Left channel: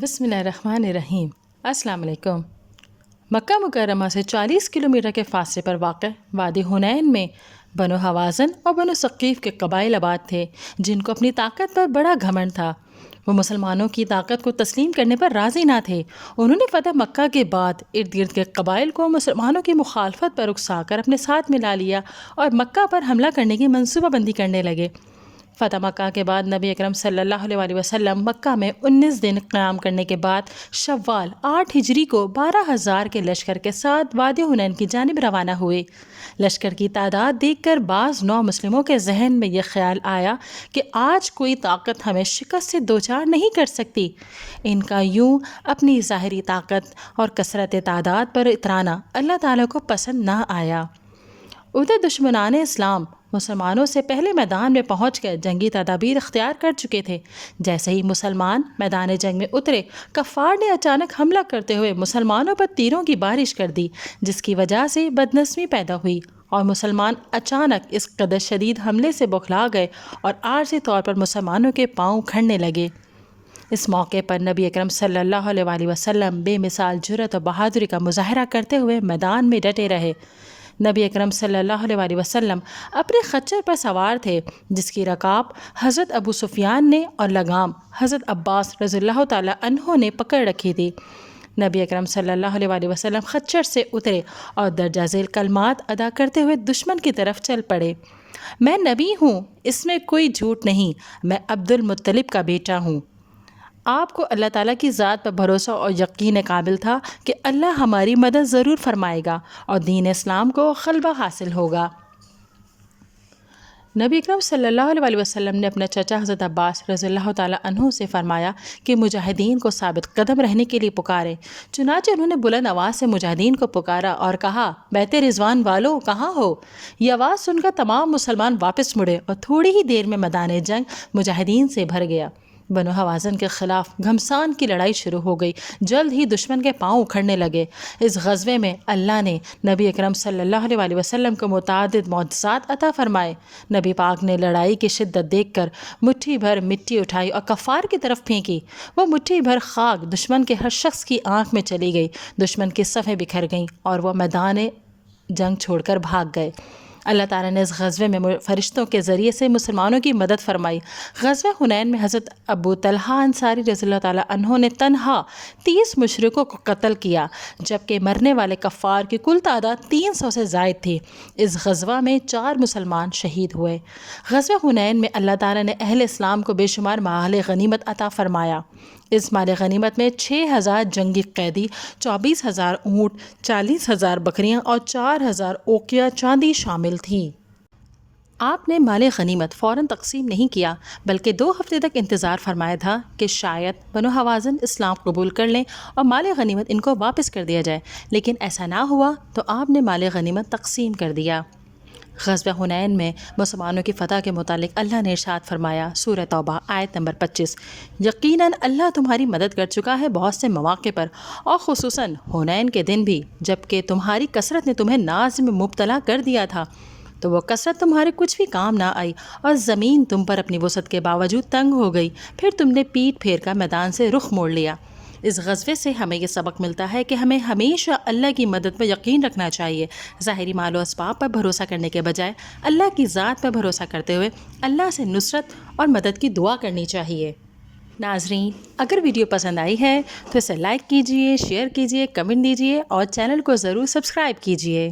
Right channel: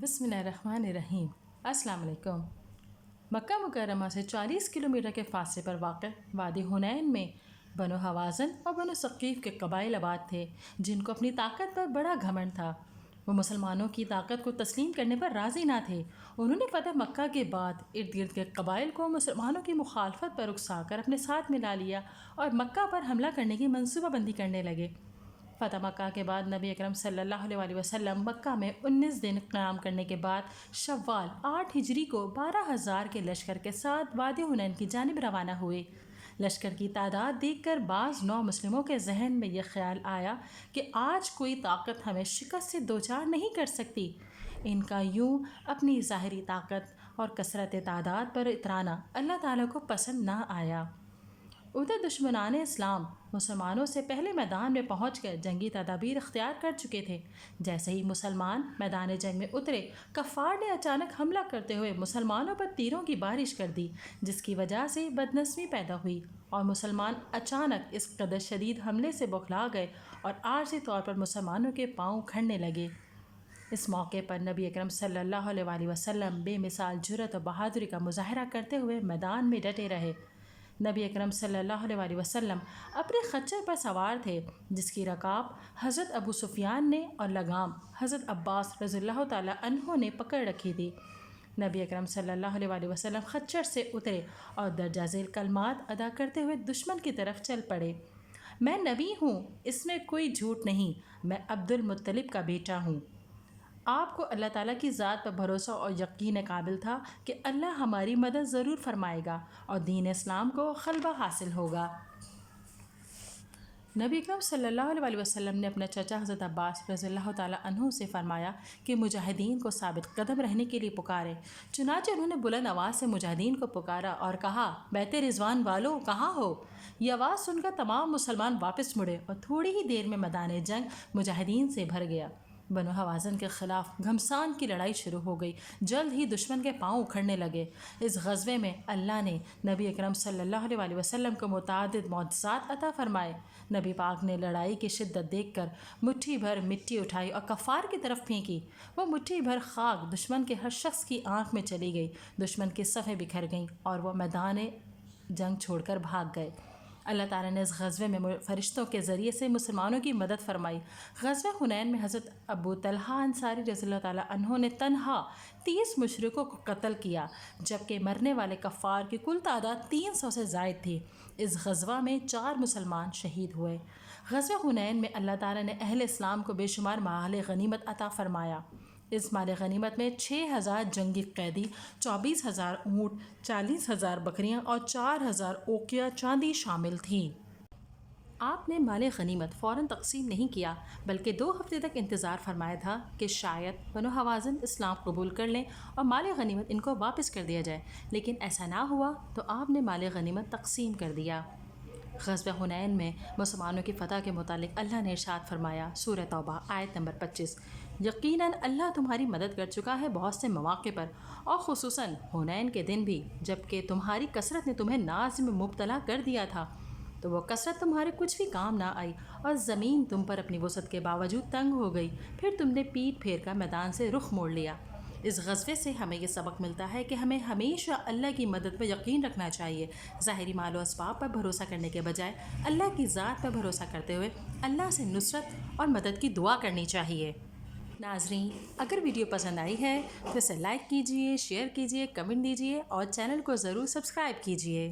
بسم اللہ الرحمن الرحیم۔ السلام علیکم۔ مکہ مکرمہ سے 40 کلومیٹر کے فاصلے پر واقع وادی حنین میں بنو حوازن اور بنو ثقیف کے قبائل آباد تھے، جن کو اپنی طاقت پر بڑا گھمنڈ تھا۔ وہ مسلمانوں کی طاقت کو تسلیم کرنے پر راضی نہ تھے۔ انہوں نے فتح مکہ کے بعد ارد گرد کے قبائل کو مسلمانوں کی مخالفت پر اکسا کر اپنے ساتھ ملا لیا اور مکہ پر حملہ کرنے کی منصوبہ بندی کرنے لگے۔ فتح مکہ کے بعد نبی اکرم صلی اللہ علیہ وسلم مکہ میں 19 دن قیام کرنے کے بعد شوال 8 ہجری کو 12,000 کے لشکر کے ساتھ وادی حنین کی جانب روانہ ہوئے۔ لشکر کی تعداد دیکھ کر بعض نو مسلموں کے ذہن میں یہ خیال آیا کہ آج کوئی طاقت ہمیں شکست سے دوچار نہیں کر سکتی۔ ان کا یوں اپنی ظاہری طاقت اور کثرت تعداد پر اترانا اللہ تعالیٰ کو پسند نہ آیا۔ ادھر دشمنان اسلام مسلمانوں سے پہلے میدان میں پہنچ کر جنگی تدابیر اختیار کر چکے تھے۔ جیسے ہی مسلمان میدان جنگ میں اترے، کفار نے اچانک حملہ کرتے ہوئے مسلمانوں پر تیروں کی بارش کر دی، جس کی وجہ سے بدنظمی پیدا ہوئی اور مسلمان اچانک اس قدر شدید حملے سے بوکھلا گئے اور عارضی طور پر مسلمانوں کے پاؤں کھڑنے لگے۔ اس موقع پر نبی اکرم صلی اللہ علیہ وسلم بے مثال جرأت و بہادری کا مظاہرہ کرتے ہوئے میدان میں ڈٹے رہے۔ نبی اکرم صلی اللہ علیہ وسلم اپنے خچر پر سوار تھے، جس کی رکاب حضرت ابو سفیان نے اور لگام حضرت عباس رضی اللہ تعالیٰ عنہ نے پکڑ رکھی تھی۔ نبی اکرم صلی اللہ علیہ وسلم خچر سے اترے اور درجہ ذیل کلمات ادا کرتے ہوئے دشمن کی طرف چل پڑے۔ میں نبی ہوں، اس میں کوئی جھوٹ نہیں، میں عبد المطلب کا بیٹا ہوں۔ آپ کو اللہ تعالیٰ کی ذات پر بھروسہ اور یقین قابل تھا کہ اللہ ہماری مدد ضرور فرمائے گا اور دین اسلام کو غلبہ حاصل ہوگا۔ نبی اکرم صلی اللہ علیہ وسلم نے اپنے چچا حضرت عباس رضی اللہ تعالیٰ عنہ سے فرمایا کہ مجاہدین کو ثابت قدم رہنے کے لیے پکارے۔ چنانچہ انہوں نے بلند آواز سے مجاہدین کو پکارا اور کہا، بیت رضوان والو کہاں ہو؟ یہ آواز سن کر تمام مسلمان واپس مڑے اور تھوڑی ہی دیر میں میدان جنگ مجاہدین سے بھر گیا۔ بنو حوازن کے خلاف گھمسان کی لڑائی شروع ہو گئی۔ جلد ہی دشمن کے پاؤں اکھڑنے لگے۔ اس غزوے میں اللہ نے نبی اکرم صلی اللہ علیہ وسلم کو متعدد معجزات عطا فرمائے۔ نبی پاک نے لڑائی کی شدت دیکھ کر مٹھی بھر مٹی اٹھائی اور کفار کی طرف پھینکی۔ وہ مٹھی بھر خاک دشمن کے ہر شخص کی آنکھ میں چلی گئی۔ دشمن کی صفیں بکھر گئیں اور وہ میدان جنگ چھوڑ کر بھاگ گئے۔ اللہ تعالیٰ نے اس غزوے میں فرشتوں کے ذریعے سے مسلمانوں کی مدد فرمائی۔ غزوہ حنین میں حضرت ابو طلحہ انصاری رضی اللہ تعالیٰ عنہ نے تنہا 30 مشرکوں کو قتل کیا، جبکہ مرنے والے کفار کی کل تعداد 300 سے زائد تھی۔ اس غزوہ میں 4 مسلمان شہید ہوئے۔ غزوہ حنین میں اللہ تعالیٰ نے اہل اسلام کو بے شمار مال غنیمت عطا فرمایا۔ اس مال غنیمت میں 6,000 جنگی قیدی، 24,000 اونٹ، 40,000 بکریاں اور 4,000 اوقیہ چاندی شامل تھی۔ آپ نے مال غنیمت فوراً تقسیم نہیں کیا، بلکہ 2 ہفتے تک انتظار فرمایا تھا کہ شاید بنو حوازن اسلام قبول کر لیں اور مال غنیمت ان کو واپس کر دیا جائے، لیکن ایسا نہ ہوا تو آپ نے مال غنیمت تقسیم کر دیا۔ غزوہ حنین میں مسلمانوں کی فتح کے متعلق اللہ نے ارشاد فرمایا، سورہ توبہ آیت نمبر 25، یقیناً اللہ تمہاری مدد کر چکا ہے بہت سے مواقع پر، اور خصوصاً حنین کے دن بھی، جبکہ تمہاری کثرت نے تمہیں ناز میں مبتلا کر دیا تھا، تو وہ کثرت تمہارے کچھ بھی کام نہ آئی اور زمین تم پر اپنی وسعت کے باوجود تنگ ہو گئی، پھر تم نے پیٹ پھیر کر میدان سے رخ موڑ لیا۔ اس غزوے سے ہمیں یہ سبق ملتا ہے کہ ہمیں ہمیشہ اللہ کی مدد پر یقین رکھنا چاہیے، ظاہری مال و اسباب پر بھروسہ کرنے کے بجائے اللہ کی ذات پر بھروسہ کرتے ہوئے اللہ سے نصرت اور مدد کی دعا کرنی چاہیے۔ ناظرین، اگر ویڈیو پسند آئی ہے تو اسے لائک کیجئے، شیئر کیجئے، کمنٹ دیجئے اور چینل کو ضرور سبسکرائب کیجئے۔